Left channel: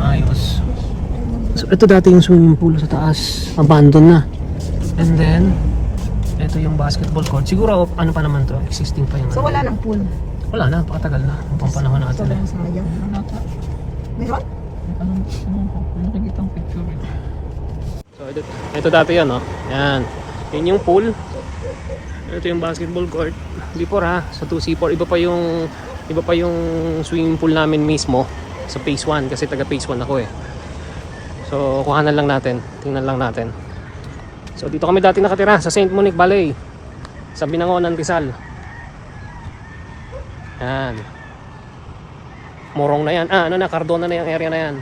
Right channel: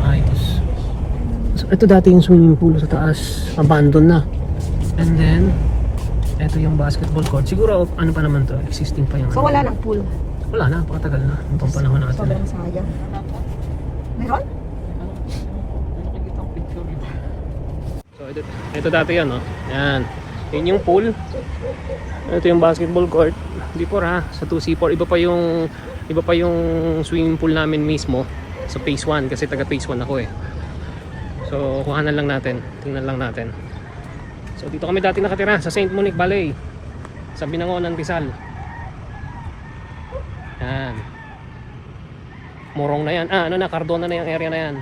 Ayos. So ito dati yung swimming pool sa taas, abandon na. And then ito yung basketball court. Siguro ano pa naman to, existing pa yung So ano. wala nang pool. Wala na, napakatagal na. Ang pampanahon natin eh. Sobrang sayang. Meron? Nakikita ang picture eh. So ito dati yan, oh. Yan. Yan yung pool. Ito yung basketball court. Before ha, sa 2C4 iba pa yung swimming pool namin mismo sa phase 1 kasi taga phase 1 ako eh. So kuhanan lang natin, tingnan lang natin. So dito kami dati nakatira sa St. Monique Valley. Sa Binangonan, Rizal. Yan. Morong na yan. Ano na, Cardona na yung area na yan.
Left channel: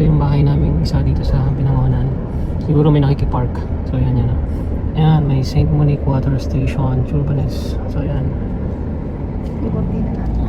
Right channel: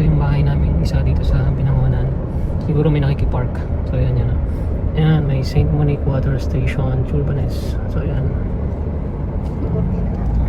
ito yung bahay namin isa dito sa Binangonan. Siguro may nakikipark. So yan yan. Ayan, may St. Monique Water Station, Churbanes. So yan. Yung cortina natin.